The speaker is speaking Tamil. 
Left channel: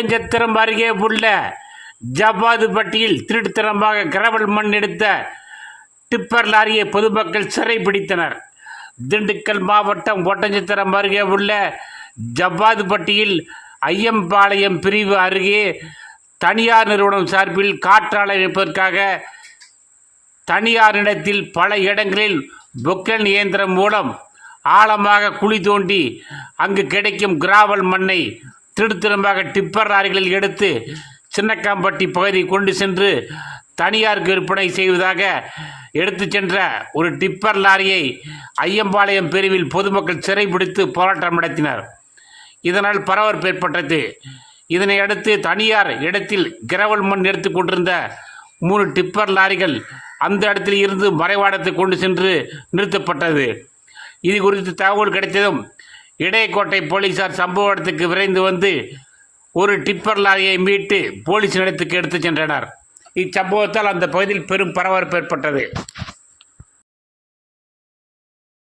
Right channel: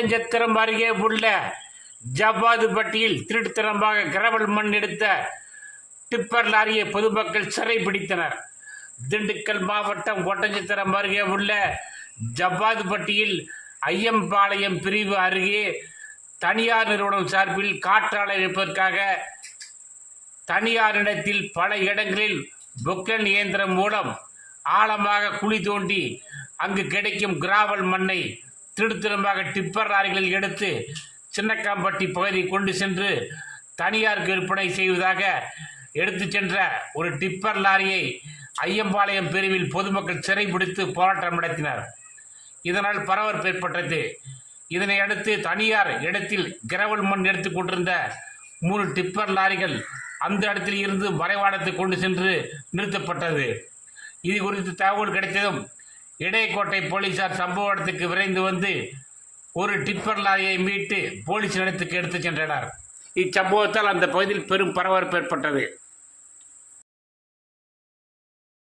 ஒட்டஞ்சத்திரம் அருகே உள்ள ஜவ்வாதுப்பட்டியில் திருட்டுத்தனமாக கிரவல் மண் எடுத்த டிப்பர் லாரியை பொதுமக்கள் சிறை பிடித்தனர். திண்டுக்கல் மாவட்டம் ஒட்டஞ்சத்திரம் அருகே உள்ள ஜவ்வாதுப்பட்டியில் ஐயம்பாளையம் பிரிவு அருகே தனியார் நிறுவனம் சார்பில் காற்றாலை தனியார் தனியாரிடத்தில் பல இடங்களில் பொக்கன் இயந்திரம் மூலம் ஆழமாக குழி தோண்டி அங்கு கிடைக்கும் கிராவல் மண்ணை திருடுத்திரமாக டிப்பர் லாரிகளில் எடுத்து சின்னக்காம்பட்டி பகுதி கொண்டு சென்று தனியாருக்கு விற்பனை செய்வதாக எடுத்து சென்ற ஒரு டிப்பர் லாரியை ஐயம்பாளையம் பிரிவில் பொதுமக்கள் சிறைபிடித்து போராட்டம் நடத்தினர். இதனால் பரபரப்பு ஏற்பட்டது. இதனை அடுத்து தனியார் இடத்தில் கிரவல் மண் எடுத்துக் கொண்டிருந்த மூணு டிப்பர் லாரிகள் அந்த இடத்தில் இருந்து மறைவாடத்தை கொண்டு சென்று நிறுத்தப்பட்டது. இது குறித்து தகவல் கிடைத்ததும் இடையக்கோட்டை போலீசார் சம்பவ இடத்துக்கு விரைந்து வந்து ஒரு டிப்பர் லாரியை மீட்டு போலீஸ் நிலையத்துக்கு எடுத்துச் சென்றனர். இச்சம்பவத்தால் அந்த பகுதியில் பெரும் பரபரப்பு ஏற்பட்டது.